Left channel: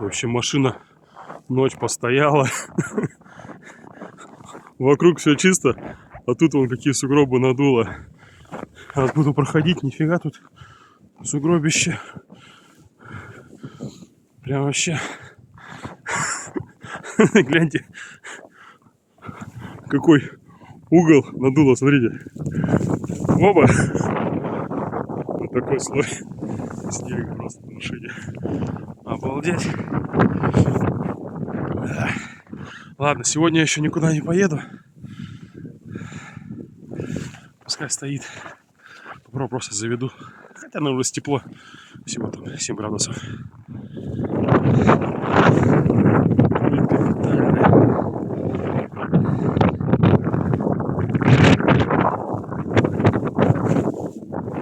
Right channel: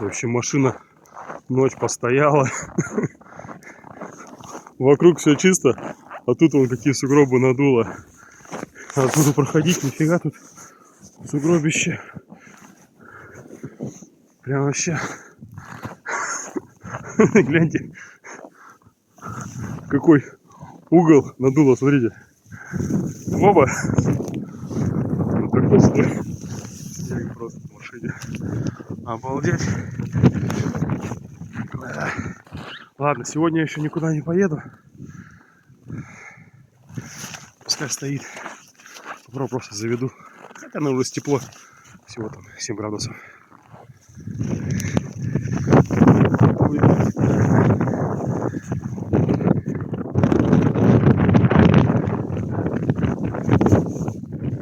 В общем, машина ночь постояла. Вокруг все чисто, а тут вон какие сугробы надуло. А буду проходить, нифига тут сугробище. Прям вообще. Гляньте, какой угол надуло, смотрите. Оба. Вот такой слой снега просто в машине. Обалдеть. Ладно, сегодня я еще никуда не поеду. Пускай стоит. Попробую просто заведу. Хотя, наверное, уже тепло. Всего там 7 градусов.